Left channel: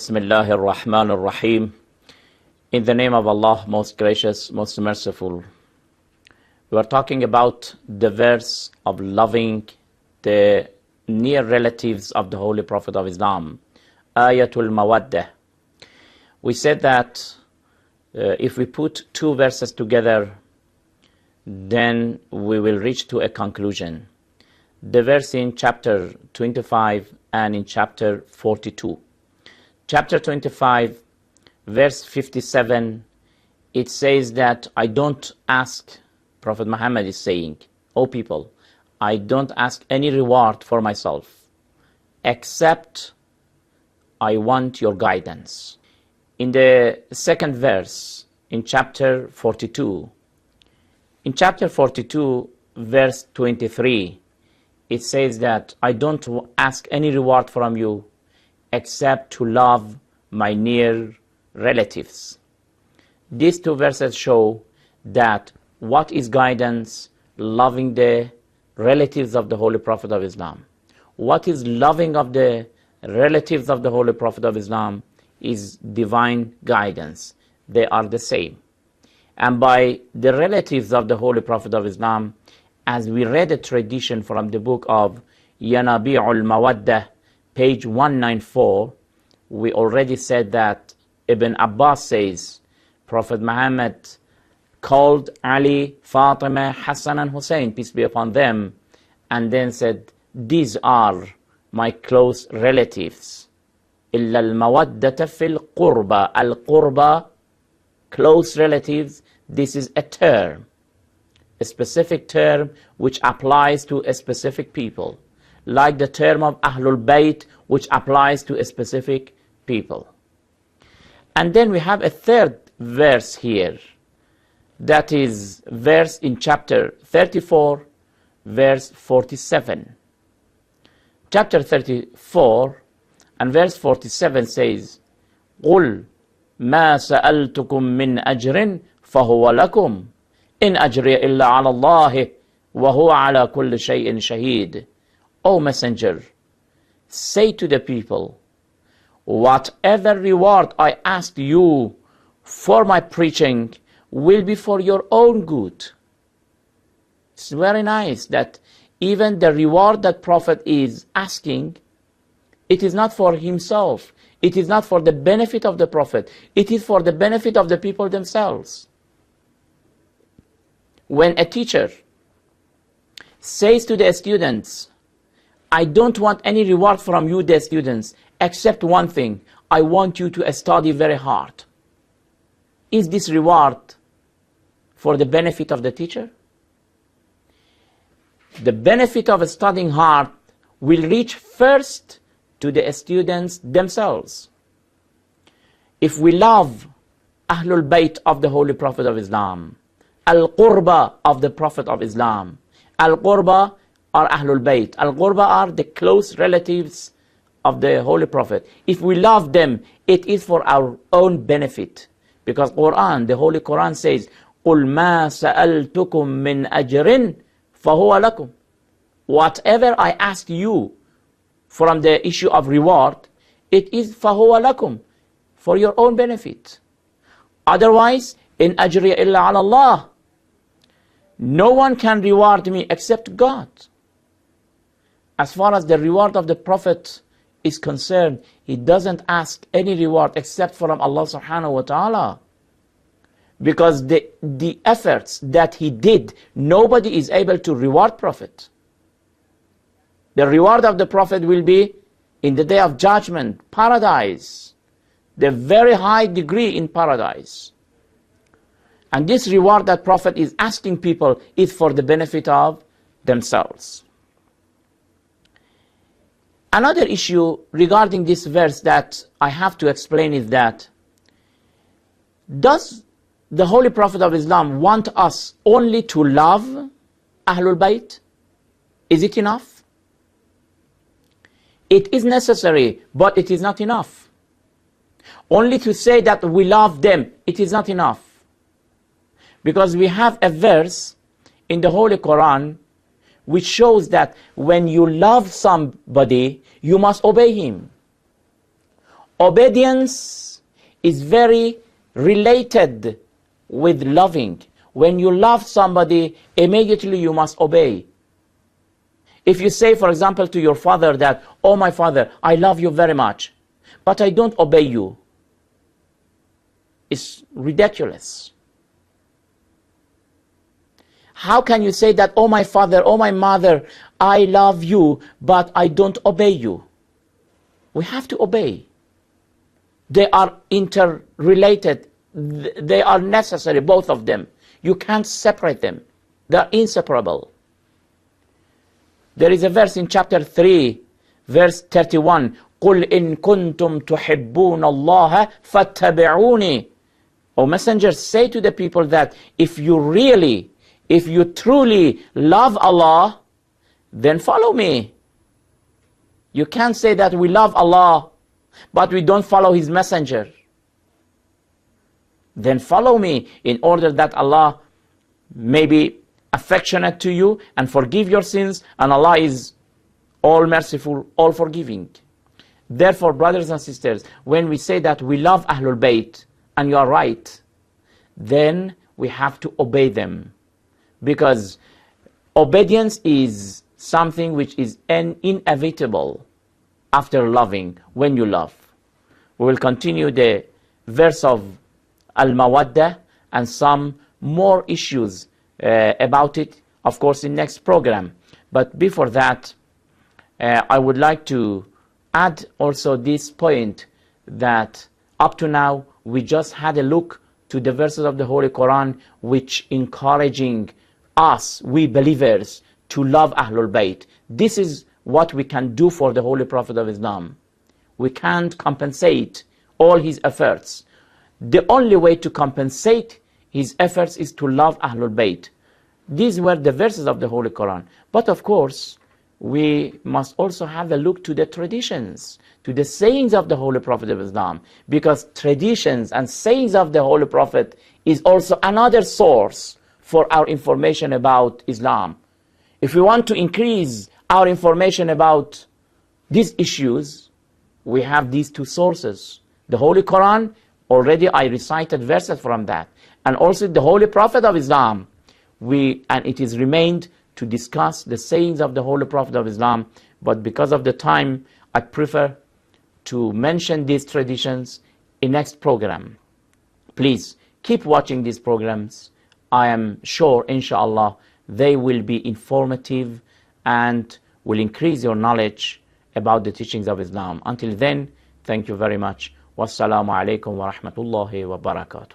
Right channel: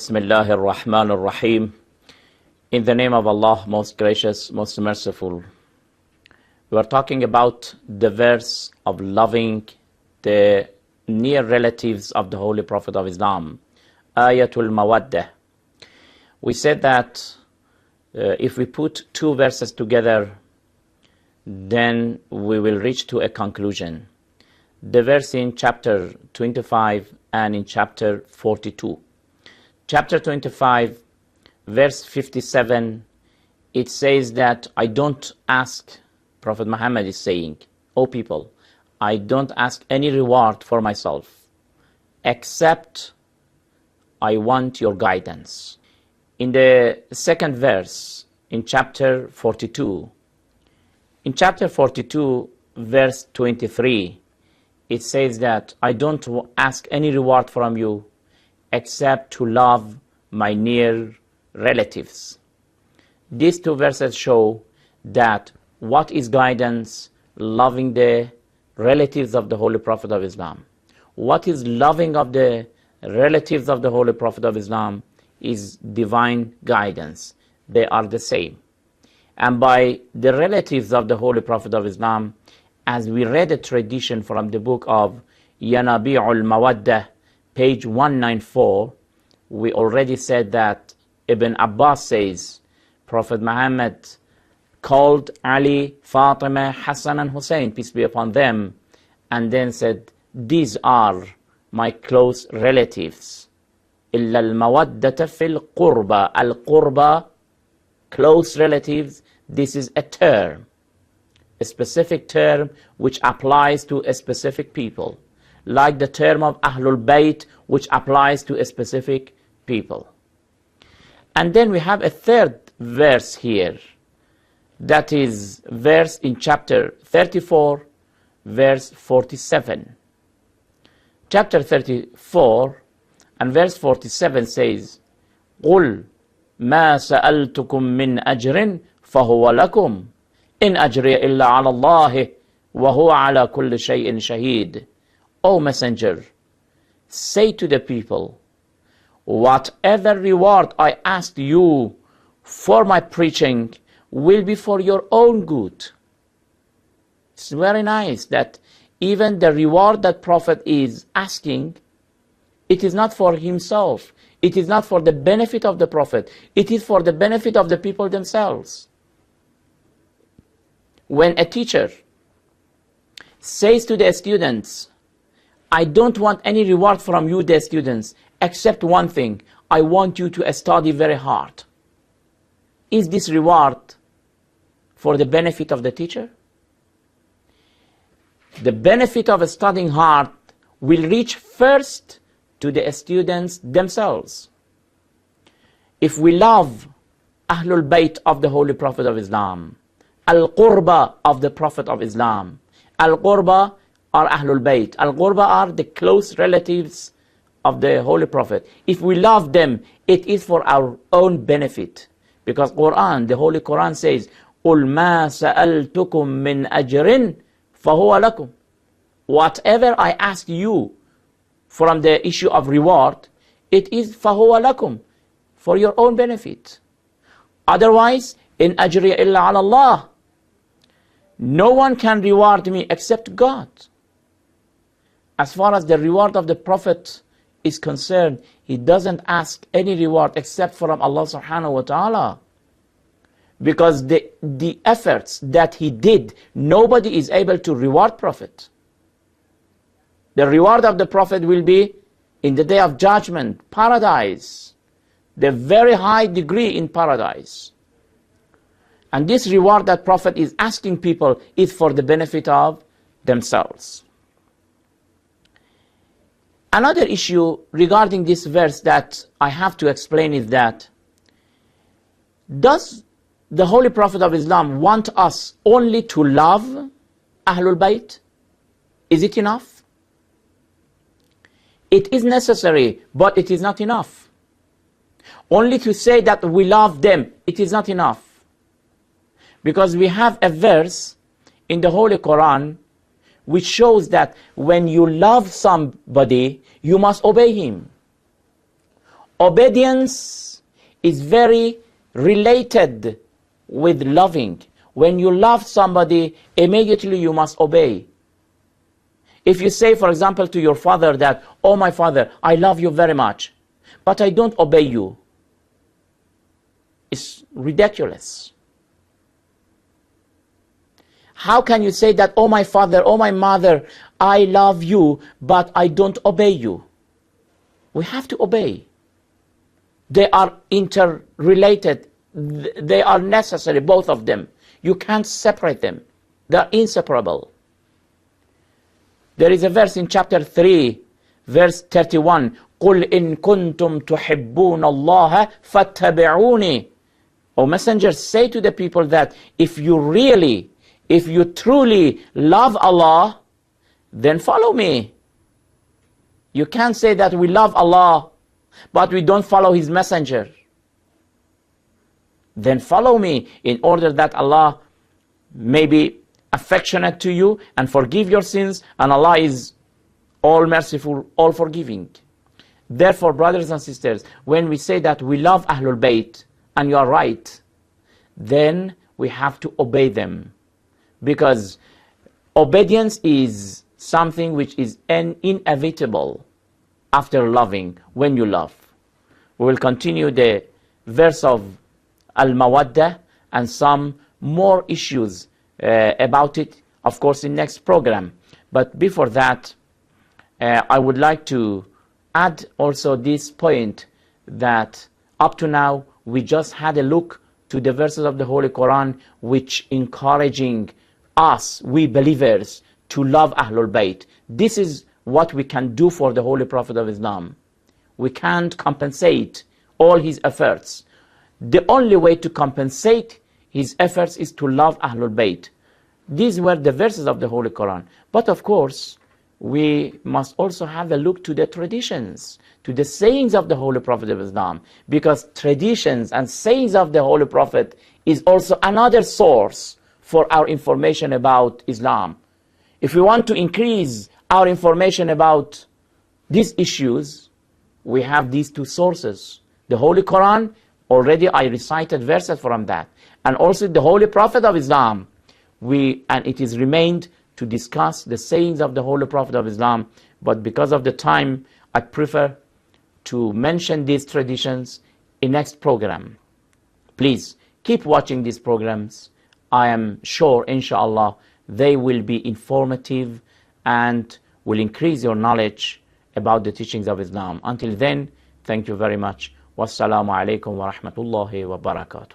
Bismillahir Rahmanir Rahim. In the name of Allah, most gracious, most merciful. We are talking about the verse of loving the near relatives of the Holy Prophet of Islam, Ayatul Mawaddah. We said that if we put two verses together, then we will reach to a conclusion. The verse in chapter 25 and in chapter 42. Chapter 25, verse 57, it says that I don't ask, Prophet Muhammad is saying, O people, I don't ask any reward for myself, except I want your guidance. In the second verse, in chapter 42, verse 23, it says that I don't ask any reward from you, except to love my near relatives. These two verses show that what is guidance? Loving the relatives of the Holy Prophet of Islam. What is loving of the relatives of the Holy Prophet of Islam is divine guidance. They are the same. And by the relatives of the Holy Prophet of Islam, as we read a tradition from the book of Yanabi'ul Mawaddah, page 194, we already said that Ibn Abbas says, Prophet Muhammad called Ali, Fatima, Hassan and Hussein, peace be upon them, and then said, these are my close relatives. إِلَّا الْمَوَدَّةَ فِي الْقُرْبَى. Al-Qurba, close relatives, this is a term, a specific term which applies to a specific people, like the term of Ahlulbait, which applies to a specific people. And then we have a third verse here, that is verse in chapter 34, verse 47. Chapter 34 and verse 47 says, قُلْ مَا سَأَلْتُكُم مِّنْ أَجْرٍ فَهُوَ لَكُمْ إِنْ أَجْرِيَ إِلَّا عَلَى اللَّهِ وَهُوَ عَلَى كُلِّ شَيْءٍ شَهِيدٌ. O Messenger, say to the people, whatever reward I ask you for my preaching will be for your own good. It's very nice that even the reward that Prophet is asking, it is not for himself. It is not for the benefit of the Prophet. It is for the benefit of the people themselves. When a teacher says to the students, I don't want any reward from you, the students, except one thing. I want you to study very hard. Is this reward for the benefit of the teacher? The benefit of studying hard will reach first to the students themselves. If we love Ahlulbait of the Holy Prophet of Islam, Al-Qurba of the Prophet of Islam, Al-Qurba are Ahlulbait. Al-Qurba are the close relatives of the Holy Prophet. If we love them, it is for our own benefit. Because Quran, the Holy Quran says, قُلْ مَا سَأَلْتُكُم مِّنْ أَجْرٍ فَهُوَ لَكُمْ. Whatever I ask you from the issue of reward, it is فَهُوَ لَكُمْ, for your own benefit. Otherwise, إِنْ أَجْرِيَ إِلَّا عَلَى اللَّهِ. No one can reward me except God. As far as the reward of the Prophet is concerned, he doesn't ask any reward except from Allah subhanahu wa ta'ala. Because the efforts that he did, nobody is able to reward Prophet. The reward of the Prophet will be in the day of judgment, paradise, the very high degree in paradise. And this reward that Prophet is asking people is for the benefit of themselves. Another issue regarding this verse that I have to explain is that, does the Holy Prophet of Islam want us only to love Ahlul Bayt? Is it enough? It is necessary, but it is not enough. Only to say that we love them, it is not enough. Because we have a verse in the Holy Quran which shows that when you love somebody, you must obey him. Obedience is very related with loving. When you love somebody, immediately you must obey. If you say, for example, to your father that, "Oh, my father, I love you very much, but I don't obey you," it's ridiculous. How can you say that, "Oh, my father, oh, my mother, I love you, but I don't obey you"? We have to obey. They are interrelated. They are necessary, both of them. You can't separate them. They are inseparable. There is a verse in chapter 3, verse 31. قُلْ إِن كُنْتُمْ تُحِبُّونَ اللَّهَ فَاتَّبِعُونِي. O Messenger, say to the people that if you truly love Allah, then follow me. You can't say that we love Allah, but we don't follow His Messenger. Then follow me in order that Allah may be affectionate to you and forgive your sins, and Allah is all merciful, all forgiving. Therefore, brothers and sisters, when we say that we love Ahlulbait, and you are right, then we have to obey them. Because obedience is something which is inevitable after loving, when you love. We will continue the verse of Al-Mawaddah and some more issues about it, of course, in next program. But before that, I would like to add also this point that up to now, we just had a look to the verses of the Holy Quran which encouraging us, we believers, to love Ahlul Bayt. This is what we can do for the Holy Prophet of Islam. We can't compensate all his efforts. The only way to compensate his efforts is to love Ahlul Bayt. These were the verses of the Holy Quran. But of course, we must also have a look to the traditions, to the sayings of the Holy Prophet of Islam. Because traditions and sayings of the Holy Prophet is also another source for our information about Islam. If we want to increase our information about these issues, we have these two sources. The Holy Quran, already I recited verses from that. And also the Holy Prophet of Islam. And it is remained to discuss the sayings of the Holy Prophet of Islam. But because of the time, I prefer to mention these traditions in next program. Please keep watching these programs. I am sure, inshallah, they will be informative and will increase your knowledge about the teachings of Islam. Until then, thank you very much. Wassalamu alaikum wa rahmatullahi wa barakatuh.